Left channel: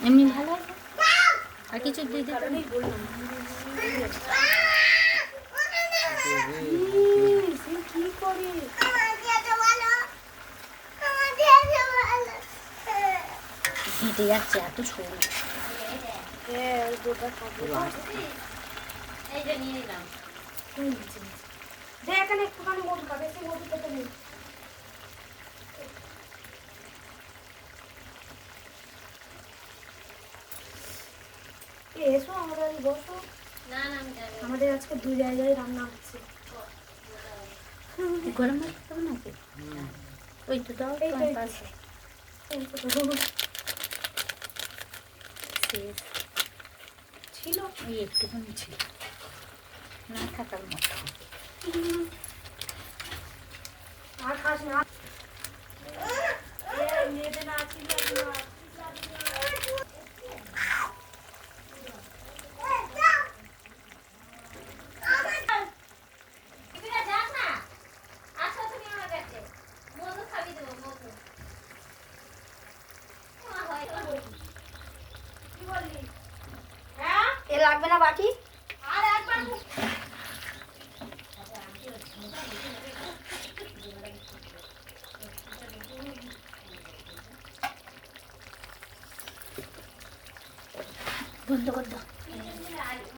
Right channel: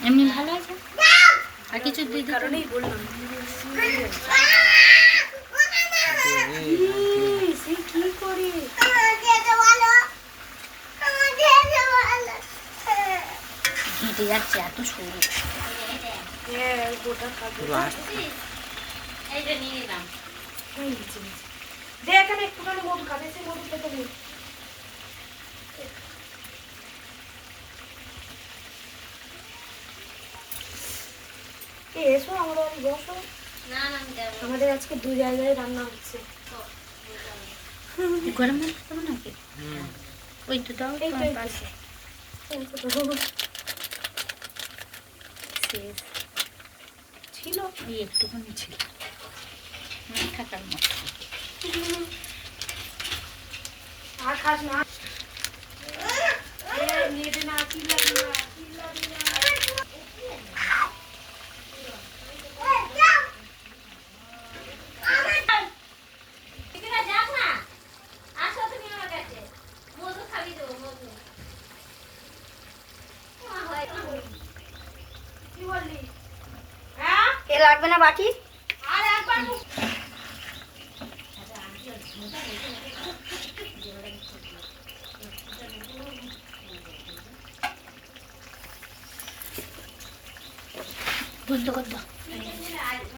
এমনি ভালো আছে আর কিছু দিতে কারণেই বললাম সে কি করে হেঁটে যাচ্ছে এত সরু হ্যাঁ গোটা খাবে এইটা নিয়ে নিলাম দে এখানে একটুখানি মধু খাবে সে মধু খেতে নেই এসো আমাদের বাড়ি বসো আমাদের আজকে দু জায়গায় রান্না হচ্ছে গরম ভাত খাবো নাকি ওই তো দাও এই তো, এই তো। পাশে শেষ ছিল ওই একটুখানি ছিল না থাকার মতো আর খাস না নিয়ে দে না চিল্লাবি না চিল্লাবি না কি বললি হ্যাঁ এ লাগবে না বাটি আর একবার বন্ধ কর দাও